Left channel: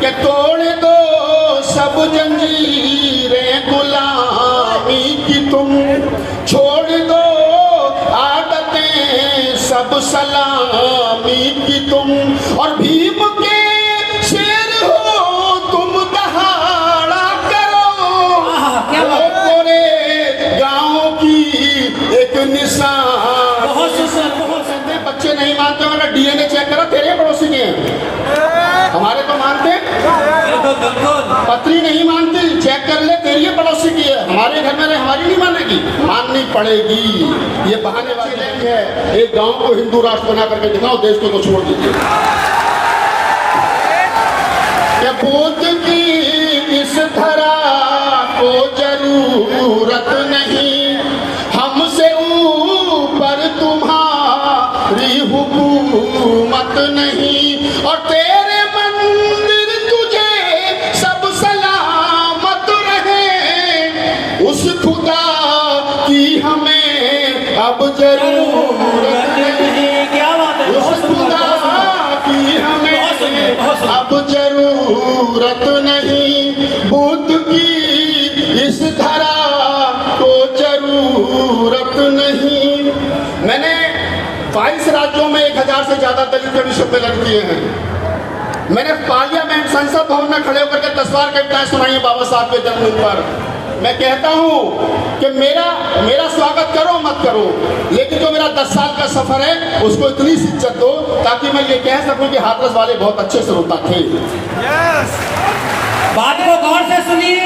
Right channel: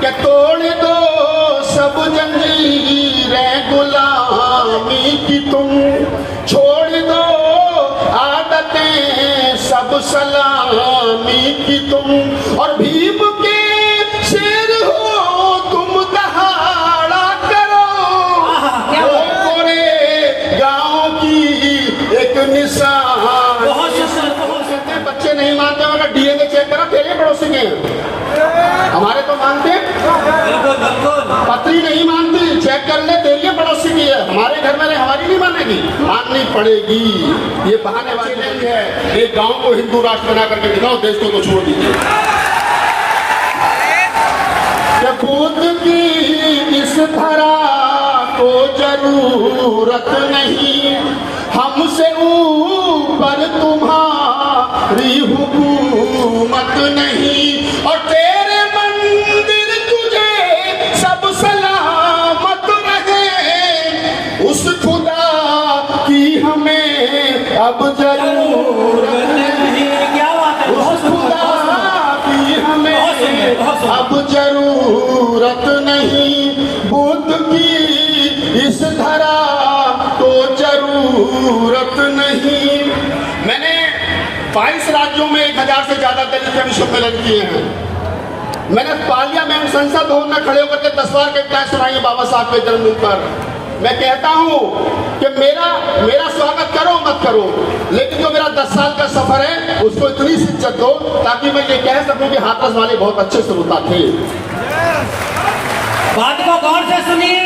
कि तोड़ दो सब जंजीरें गुलामी की तुम, छोड़ दो आदतें सब सलामी की तुम, और भीम के शेर हो तुम दहाड़ा करो, वो पूरे गांव की एक निशान। बच्चे नहीं मानते, मगर डीएनए चेक करो तेरे पड़ोसी के, हमारे तो मानते। पत्री नहीं मानती, चेक कर ले, तेरी पड़ोसी की है, हमारे घर में हमारी नहीं मानेगी, माननी पड़ेगी। ये बहाने वाली है। एक गांव को हिंदू राष्ट्र बना करके दिखाओ, देश को तो छोड़ दीजिए। बुद्ध की इस धरा को जरूरत नहीं, हमसे ऊपर तुम्हारी हुकूमत नहीं, और तेरे मंदिर तुझे सब सलामत रहे, उस खुदा की हमें अब जरूरत नहीं, उस खुदा की हमें अब जरूरत नहीं, बुद्ध की इस धरा को जरूरत नहीं। मैंने 22 राज्यों में 1000 से ज्यादा दलित जन सम्मेलन किए हैं। मैंने पार्लियामेंट संसद भवन में खड़े होकर के 10 बार कविताएं सुनाई है बाबा साहब के जन्मदिन पर। मैं कहता हूं कि मेरा स्वागत करो मत करो, लेकिन जो मेरा 10 साल का सफर है उसको इतनी सी इज्जत दो ताकि मैं ये कह सकूं कि हाथरस वाले बहुत अच्छे श्रोता थे। बात को गौर से सुनिए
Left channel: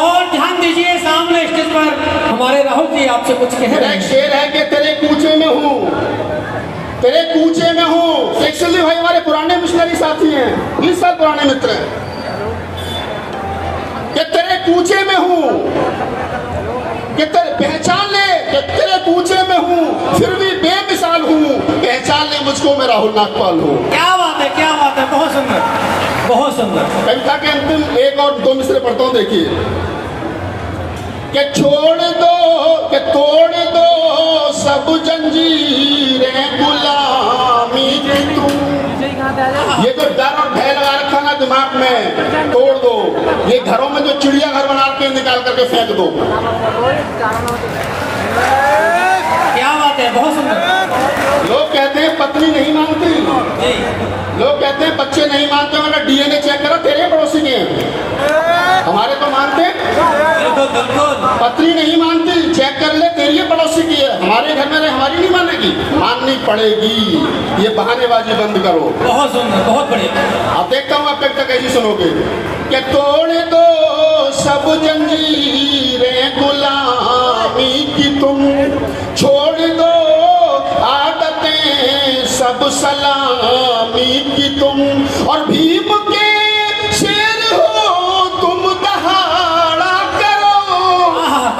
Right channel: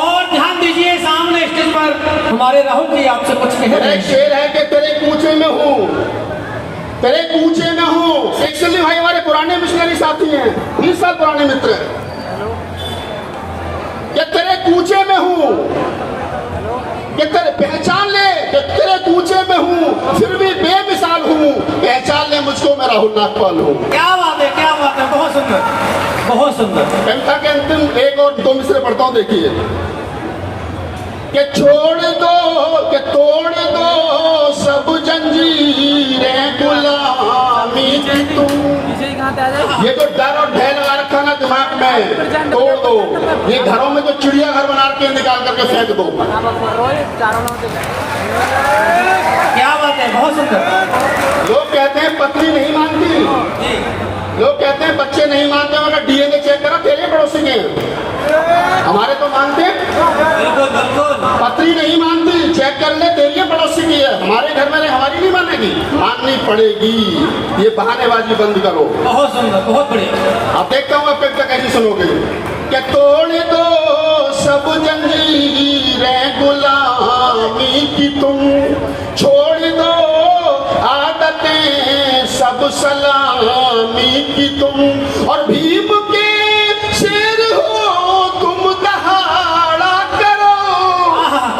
और ध्यान दीजिए। सामने स्टेज पर हमारे राहुल जी आपसे कुछ कह रहे हैं। एक शेर है कि तेरे कूचे में हूँ, तेरे कूचे में हूँ। एक्चुअली भाई हमारे पुराने मिशनरी साथी हैं, 20 साल पुराने मित्र हैं, कि तेरे कूचे में हूँ, कि तेरे पहचान ले कि तेरे कूचे में हूँ, फिर भी बेमिसाल हूँ, पहचान ले मुझको मैं राहुल नागपाल हूँ। क्या बात है, क्या बात है, बहुत सुंदर, बहुत सुंदर। कविता के अंतिम एक और 2 मिसरे पढ़ता हूँ, देखिए कि छोड़ दो कि तोड़ दो सब जंजीरें गुलामी की तुम, ये जो डर और भय लगा रखा ना दिमाग में, तोड़ दो। ये घरों में जो चिड़िया घर बना के निकाल करके फेंक दो। क्या बात है, बहुत सुंदर। लोग कहते हैं पत्नी नहीं मानती, लोग कहते हैं बच्चे नहीं मानते, मगर डीएनए चेक करो तेरे पड़ोसी के, हमारे तो मानते। पत्री नहीं मानती, चेक कर ले, तेरी पड़ोसी की है, हमारे घर में हमारी नहीं मानेगी, माननी पड़ेगी। ये बहानेबाजी बंद करो। बहुत सुंदर, बहुत बढ़िया। अब देखता हूँ आप कैसे सुनोगे कि तोड़ दो सब जंजीरें गुलामी की तुम, छोड़ दो आदतें सब सलामी की तुम, और भीम के शेर हो तुम दहाड़ा करो,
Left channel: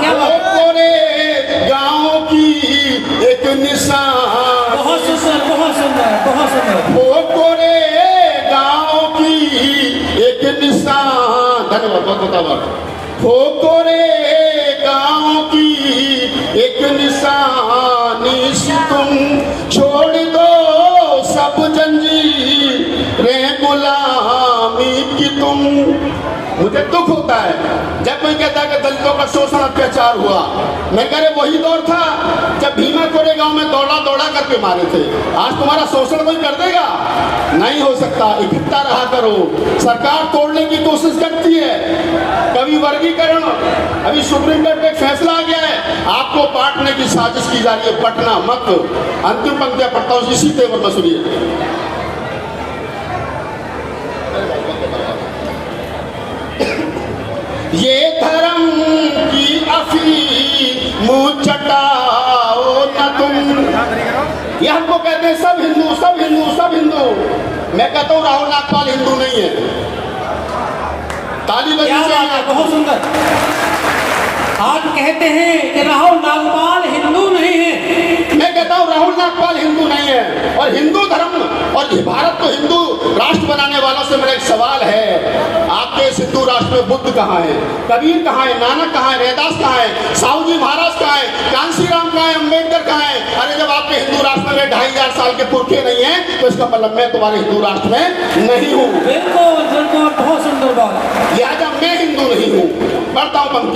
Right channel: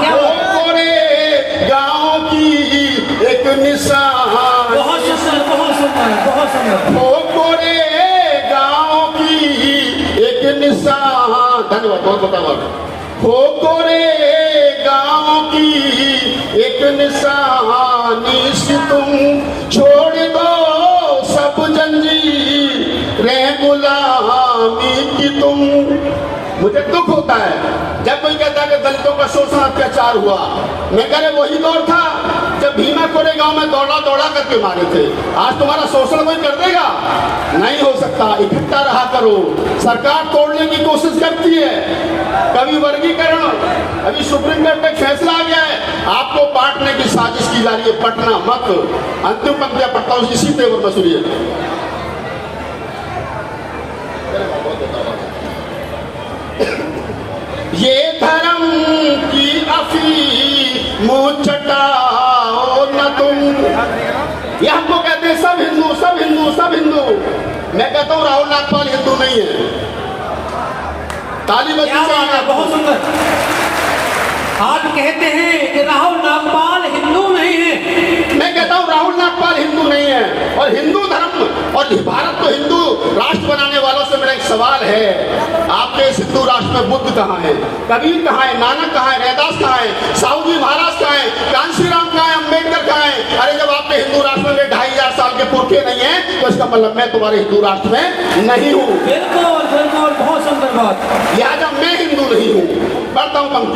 वो पूरे गांव की एक निशान। बहुत सुंदर, बहुत सुंदर, बहुत सुंदर। वो पूरे गांव की एक निशान। धन्यवाद, बहुत धन्यवाद। वो पूरे गांव की एक निशानी से तुम, छोड़ दो सब जंजीरें गुलामी की तुम। मुझे दुख होता है जब कोई कहता है कि दलितों का शोषण अत्याचार हुआ। मैं कह रहे वही दौर था जब भीमा कोरेगांव में दौड़ा दौड़ा करके मारे थे। आज तुम्हारा शोषण कोई कर देगा? नहीं हो सकता। इकट्ठा रहा करो। सरकार तोड़ने की कोशिश करती है, कभी वर्गीकरण, अभी सुप्रीम कोर्ट में फैसला आ गया है, आपको बांटने की साजिश की जा रही है, बंटना मत। अंतिम पंक्तियां पढ़ता हूं इसी तेवर में, सुनिए। ये धर्म की अफीम चटाओ न तुम। ये हमको कहते हैं सब हिंदू, सब हिंदू, सब हिंदू। मैं कहता हूँ राहुल नागपाल हिंदू नहीं है। ताली बजी चाहिए। बहुत सुंदर। आप कहते हैं कि राहुल नागपाल हिंदू नहीं है। मैं कहता हूँ राहुल नागपाल हिंदू नहीं है। और हिंदू धर्म और भारत को हिंदू राष्ट्र बनाने वालों से मेरा एक सवाल है, आपके इस हिंदू राष्ट्र में बुद्ध कहाँ है, कबीर कहाँ है, नानक कहाँ है, रैदास कहाँ है, साहू जी महाराज कहाँ है, कांशीराम कहाँ है, अम्बेडकर कहाँ है? अरे जब आपके हिंदू राष्ट्र में 2500 साल के पुरखे नहीं है तो इसका मतलब मैं तुम्हारे हिंदू राष्ट्र में नहीं हूँ। बिल्कुल बिल्कुल।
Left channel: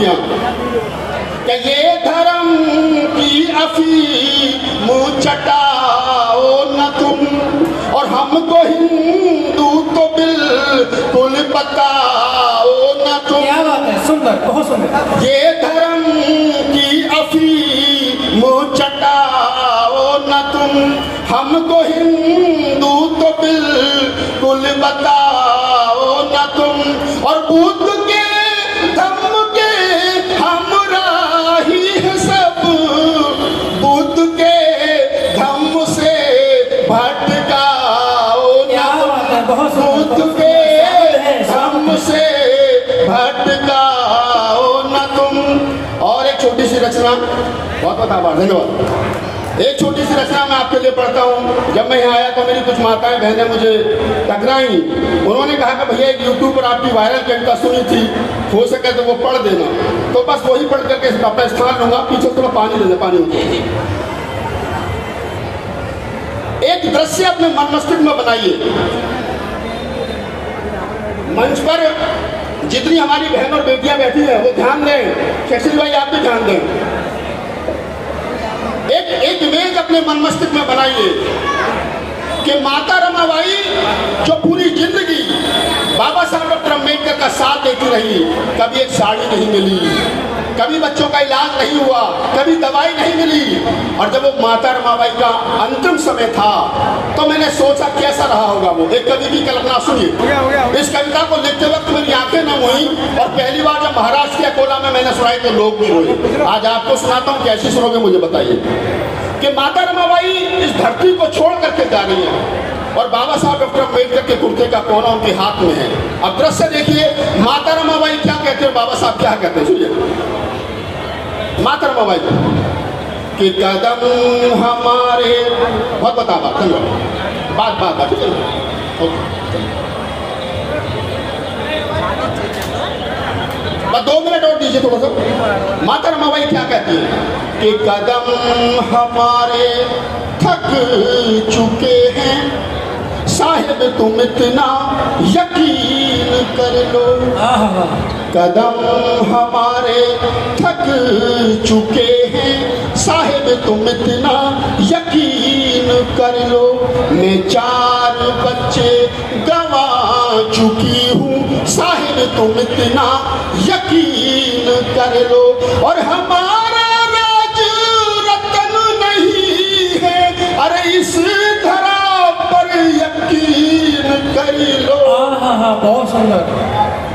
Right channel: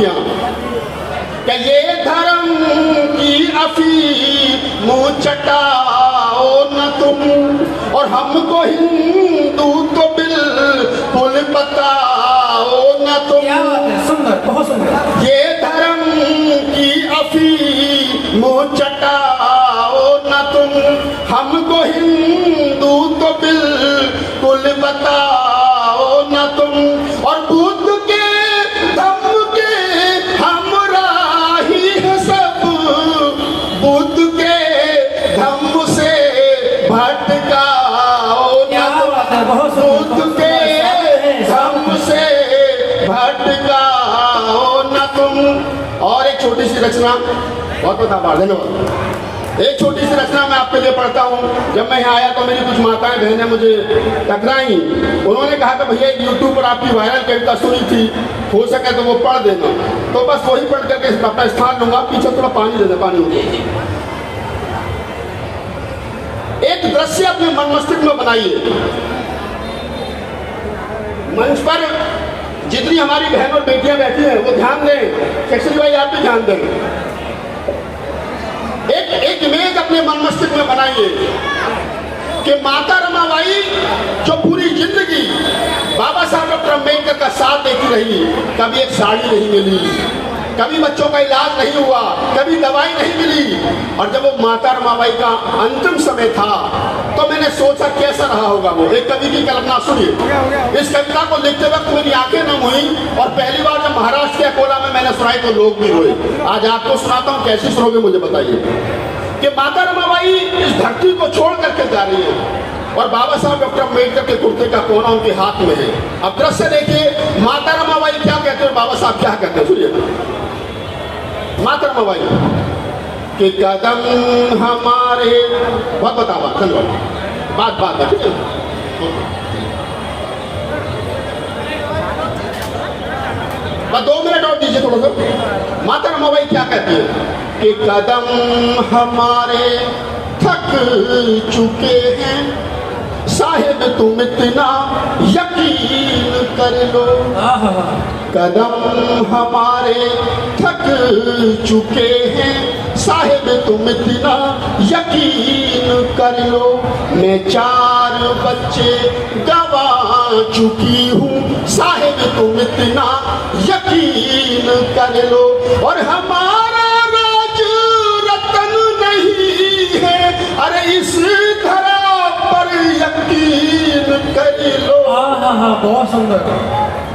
पंक्तियां कि ये धर्म की अफीम चटाओ न तुम, और हमको हिंदू तो बिल्कुल बताओ न तुम। क्या बात है, सुंदर, बहुत सुंदर। ये धर्म की अफीम चटाओ न तुम, हमको हिंदू तो बिल्कुल बताओ न तुम। और बुद्ध के धम्म के हमराही है सब, बुद्ध के धम्म से भटकाओ क्या न तुम, बात है, बहुत सुंदर। बुद्ध के धम्म से भटकाओ न तुम। और एक छोटी सी रचना, बहुत बहुत आभार, धन्यवाद। एक छोटी सी रचना मैं आपके लिए पढ़ता हूँ। जब मैं यहाँ आया तो मेरी कुछ माताएं बहनें मुझे टकराई। उन्होंने कहा कि भैया एक यूट्यूब पर आपकी वायरल कविता सुनी थी, हो सके तो वो पढ़ देना। तो बस वही पढ़ करके अपना स्थान लूंगा। पीछे थोड़ा पानी देना, पानी मुझे। एक दृश्य अपने मन मस्तिष्क में बनाइए। मंच पर जितनी हमारी बहन और बेटियां बैठी हैं वो ध्यान दें। केसरी भाई आप भी ध्यान दें। एक इमेज अपने मन मस्तिष्क में बनाइए कि माता रमाबाई जो पूरी जिंदगी बाबा साहब डॉक्टर अम्बेडकर का साथ देती रही, कभी एक साड़ी नहीं मिली, कभी बच्चों का इलाज नहीं हुआ, कभी दवाई नहीं मिली। और जब वो माता रमाबाई का अंतिम समय था तो मैंने सोचा कैसा रहा होगा वो। एक कवि की कल्पना सुनिए। इस कविता को लिखते वक्त मेरी आंखें नम हुई, और पहली बार जब महाराष्ट्र के अकोला में मैंने सुनाई तो लोग भी रोए। आज आपको सुनाता हूँ, कैसे सुनोगे मुझे बताइए। कि माता रमाबाई इस धरती को छोड़ करके जा रही है और बाबा साहब डॉक्टर अम्बेडकर के कुर्ते का कोना उनके हाथ में है। अब दृश्य देखिए, माता रमाबाई क्या कहते हैं, बाबा साहब क्या कहते हैं, सुनिए। माता रमाबाई कि कदम हमारे, बहुत बताओ बात ठीक है। बस 2 मिनट और दीजिए थोड़ा सा। माता रमाबाई क्या कहती है कि कदम हमारे थक चुके हैं, साहिब तुम इतना यकीन कर लो। कदम हमारे थक चुके हैं, साहिब तुम इतना यकीन कर लो। मैं 4 बच्चे गवा चुकी हूँ, साहिब तुम इतना यकीन कर लो। और हमारा राज रतन नहीं है, अरे इस धरा पर यकीन कर लो। बहुत सुंदर।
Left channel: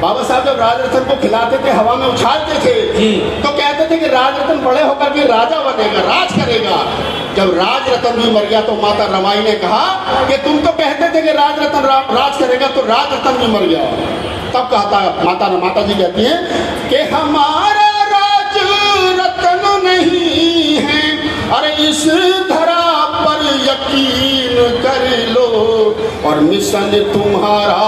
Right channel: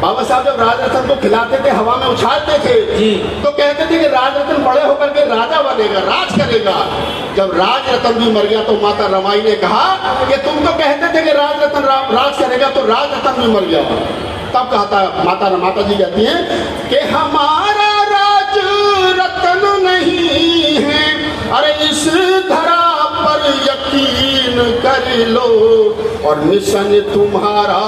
बाबा साहब जब राज रतन को खिलाते थे, हवा में उछालते थे, तो कहते थे कि राज रतन बड़े होकर के राजा बनेगा, राज करेगा। जब राज रतन भी मर गया तो माता रमाई ने कहा कि तुम तो कहते थे कि राज रतन राज करेगा, तो राज रतन भी मर गया। तब कहता माता जी कहती हैं कि हमारा राज रतन नहीं है, अरे इस धरा पर यकीन कर लो। और मिशन तुम्हारा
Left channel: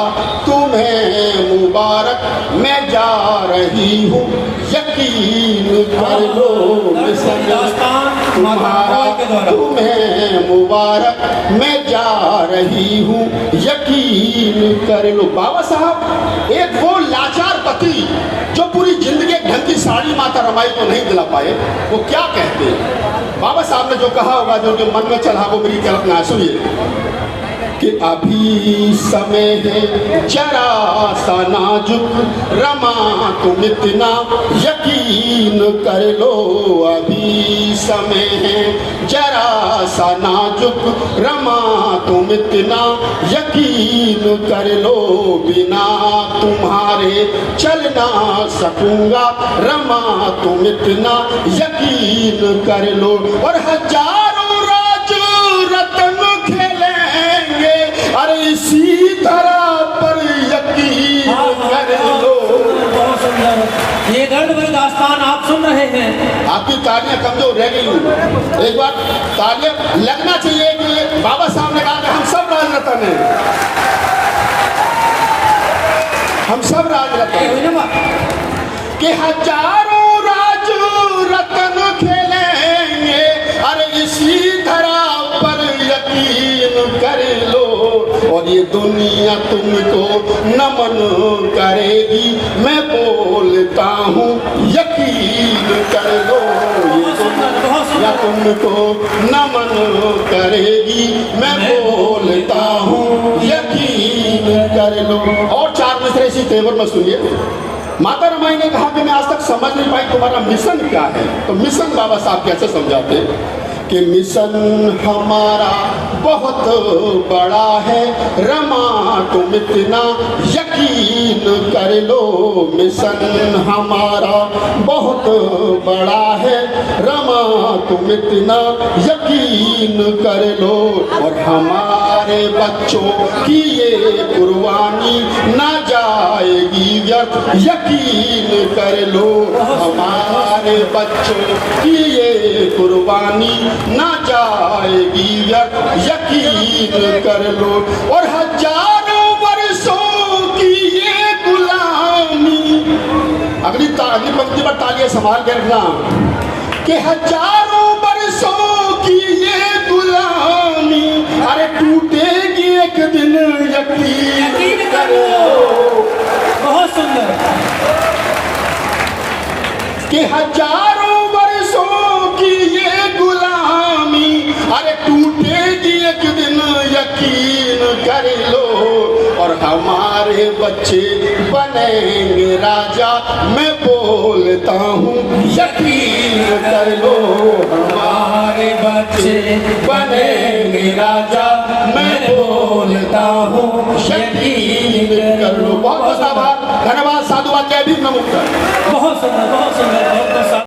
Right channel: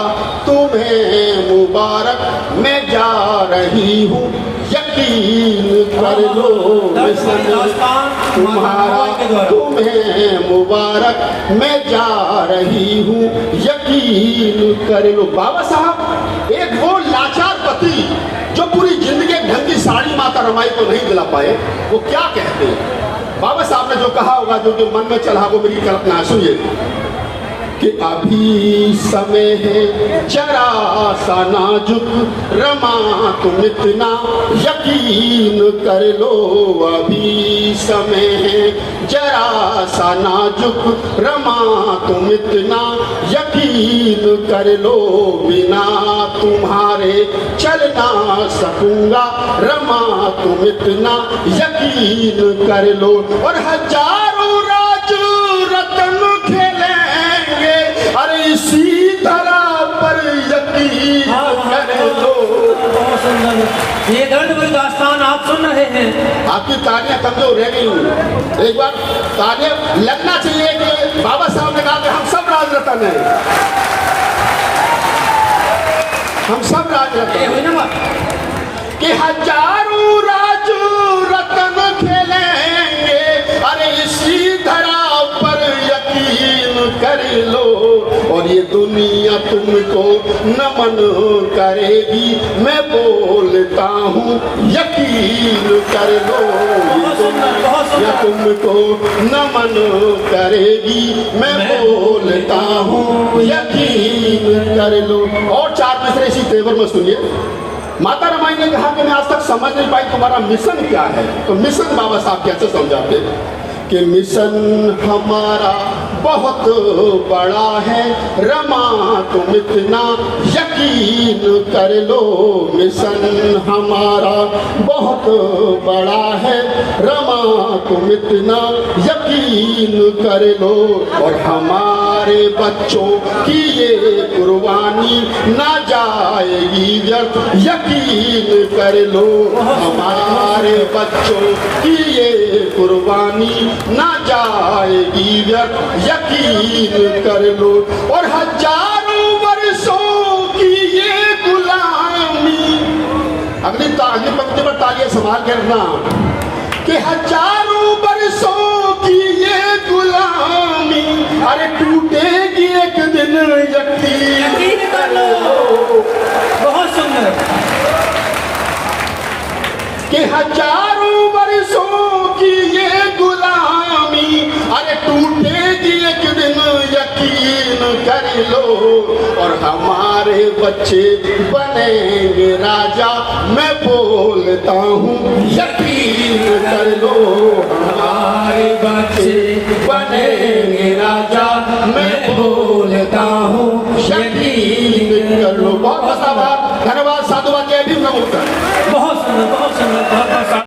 तुम्हें मुबारक, मैं जा रही हूँ यकीन कर लो। मिशन तुम्हारा तुम्हें मुबारक, मैं जा रही हूँ यकीन कर लो। बाबा साहब एक वो लाचार पति जो पूरी जिंदगी ढंग की साड़ी माता रमाई को नहीं दिला पाए, वो क्या कहते हैं। बाबा साहब ने जो कहा होगा, जो मन में चला, वो मेरी कल्पना सुनिए कि अभी समय है जरा सा नाजुक, रमा तुम इतना यकीन कर लो। अभी समय है जरा सा नाजुक, रमा तुम इतना यकीन कर लो। बिना तुम्हारे चल ना सकूंगा, रमा तुम इतना यकीन कर लो। और हजारों राज रतन खेलेंगे, अरे इसी धरा पर यकीन कर लो। ये दर्द भरी दास्तान आप सुन रहे हैं। आपकी तालियां कमजोर रह गई हूँ। एक बार तालियां लगना चाहिए कि बाबा साहब ने कहा कि हम सब राज रतन हैं, हम सब राज रतन हैं, कि हजारों राज रतन खेलेंगे, अरे इसी धरा पर यकीन कर लो। और ये दुनिया तुमको नमन करेगी, मैं बोलता हूँ यकीन कर लो, या तुमको नमन करेगी, मैं बोलता हूँ यकीन कर लो। और चार दूसरे इसी तेवर में सुनिए। माता रमाई ने कहा कि मैं आज तक समझ नहीं पाई तुम्हारा मिशन क्या है। तो मिशन बाबा साहब कैसे समझाते कि मिशन हमारा बहुत बड़ा है, रमा तुम इतना यकीन कर लो। मिशन हमारा बहुत बड़ा है, रमा तुम इतना यकीन कर लो। और हमारे बच्चों की ये कुर्बानी ना जाएगी व्यर्थ, यकीन कर लो। हमारे बच्चों की ये कुर्बानी ना जाएगी व्यर्थ, यकीन कर लो। और हजारों वर्षों की ये गुलामी, अगली पंक्ति में तालियां संभाल करना, कि हजारों वर्षों की ये गुलामी, अरे टूटेगी एक दिन, यकीन कर लो। बहुत सुंदर। कि हजारों वर्षों की ये गुलामी, अरे टूटेगी एक दिन, यकीन कर लो। और हमारे बच्चे बनेंगे राजा, मैं बोलता हूँ